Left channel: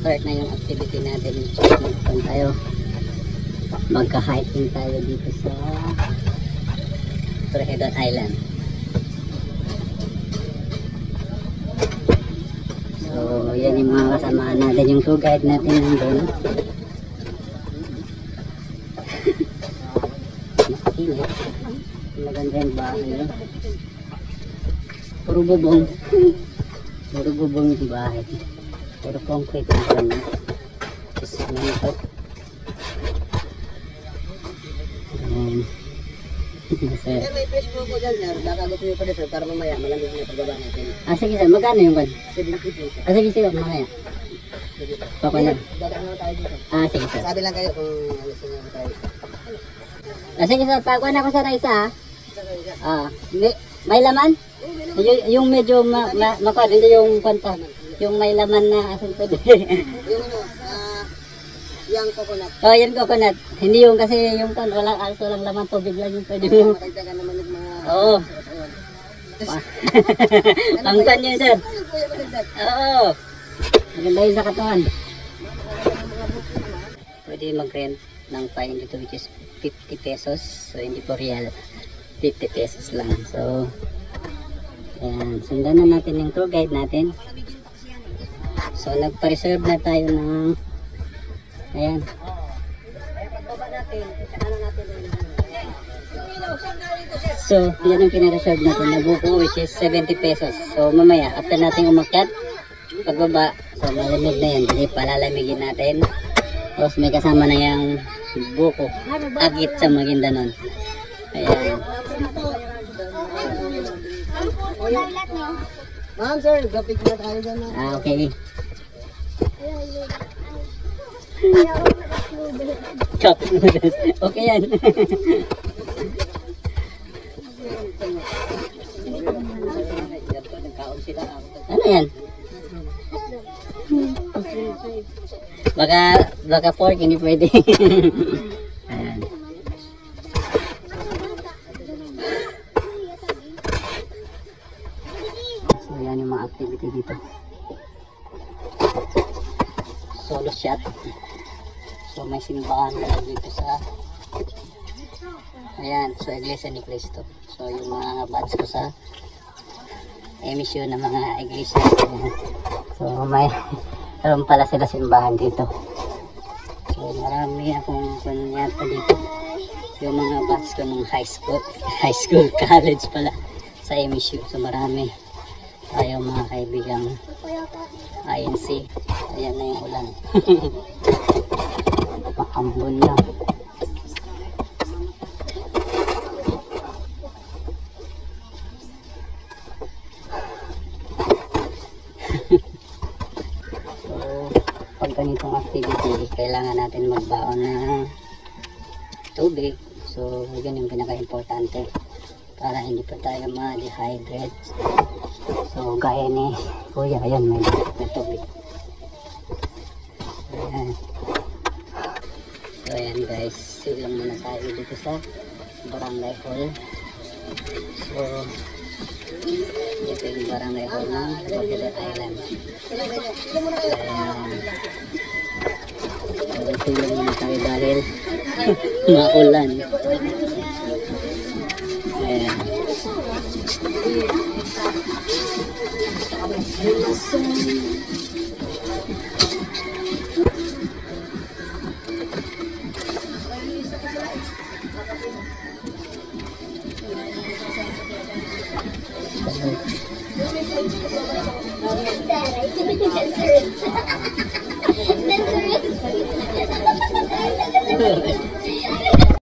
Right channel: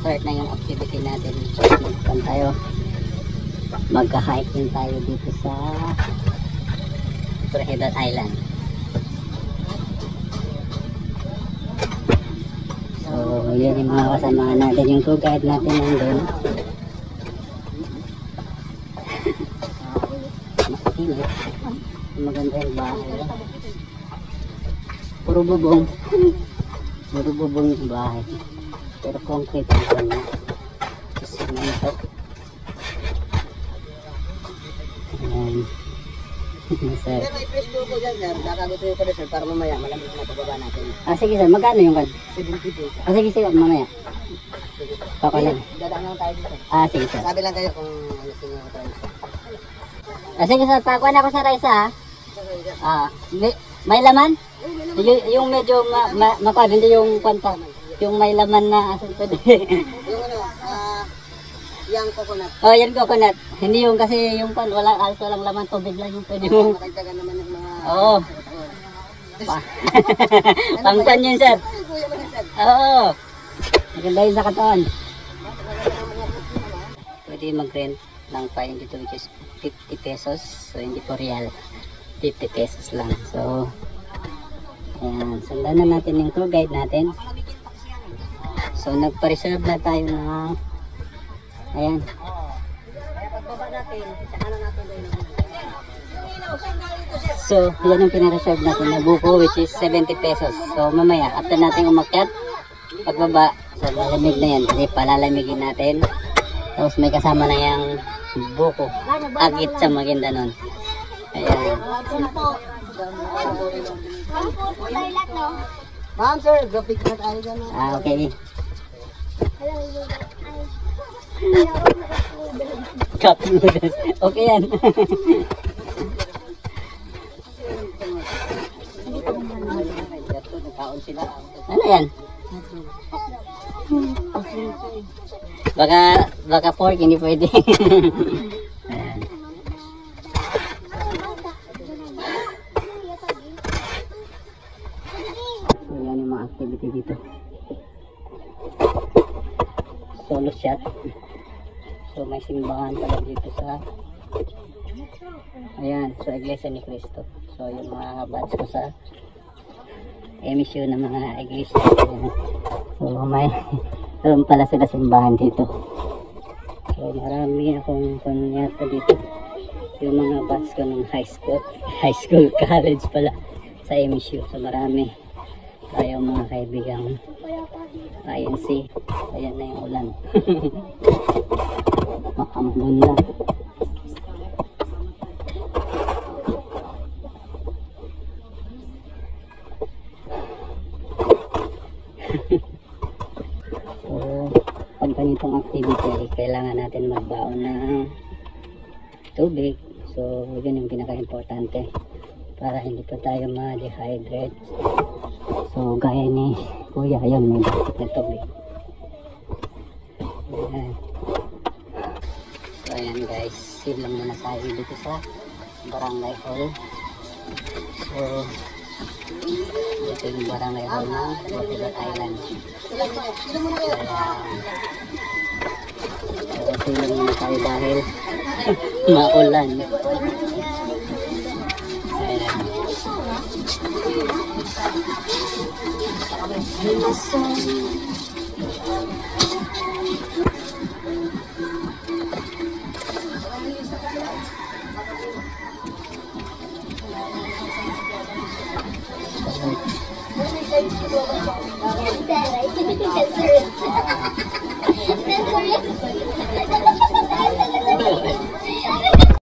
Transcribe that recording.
start na yung activity natin. Magpunta tayo. Magka-hiking tayo dito sa Torrejon Island. So, yan yung mga kasama natin. Yung tour guide natin nandun. Maganda yung bahay. Puro bubong. Puro bubong yung bahay. Pero concrete na pala. Cemento. Ayan. Sir. May Facebook ko dyan, sir. Baka gusto nyo pa dito para mamaya malamig na pagbaba natin. Sige sir, magkano yung kan? 70 pesos. Sige sir, mamaya. Sige sir. Pakulan. Dadaan lang tayo dito. Sige sir. Sabi lang kayo kung gusto nyo tayo. Sige sir, pakulan ako sa rice may laman? Yung medyo makuha, hindi yung kwanta. Yung may laman na asan pwede. Yung ano, yung coconut. Oh, yan coconut. Hindi yung kasi yung pan walang laman, tubig lang yung pwede mo. Makagtagan naman ng mga... Oo. Pangpan yun sir. Oo. Maganda yun sa katawan. Pwede mag-rent ng fine dito which is 50 pesos. So hindi po real. 50 pesos lang. So ayan, sundan na natin yung tour guide natin. So nagpa-reserve na tayo ng ayan. So yan ang pina-reserve natin na buko which is 70 pesos. So mamaya after natin umakyat pagbaba, so malamig na yan, hindi palalamigin natin. Tapos may kasama na yung buko agit sa Maguindanon. Ayan. Ma'am sir, graphic na tayo dyan. Okay. Chopping noodles. Okay yan. Ano yan? Baka pork, hindi pwede. Ayan. So yan yung mga activity dito. Solo shot. So may simbahan pala dito sa ayan, so Iglesia ni Cristo. So yung mga bats ko sa emisyon ng mga iglesia. So may meron pala sila simbahan dito. So marami akong kunyata dito. Yung mga bats ko ng high school, college pala sa emisyon. So marami tayo mga kaibigang INC. Ayan na yung ulan. Makambon na. So, pag ganitong activity, kailangan natin magbaon ng tubig. So, yun yung pinaka-importante para hindi pa tayo ma-dehydrate. So, gaya ni Kuya, ayun, may tubig. Ayan. So, ayan guys, silang muna tayo dito sa Barangay Hall. So, ito yung Barangay Hall ng Torrejon Island. Ayan. So, silang muna tayo dahil maulan. Ayan.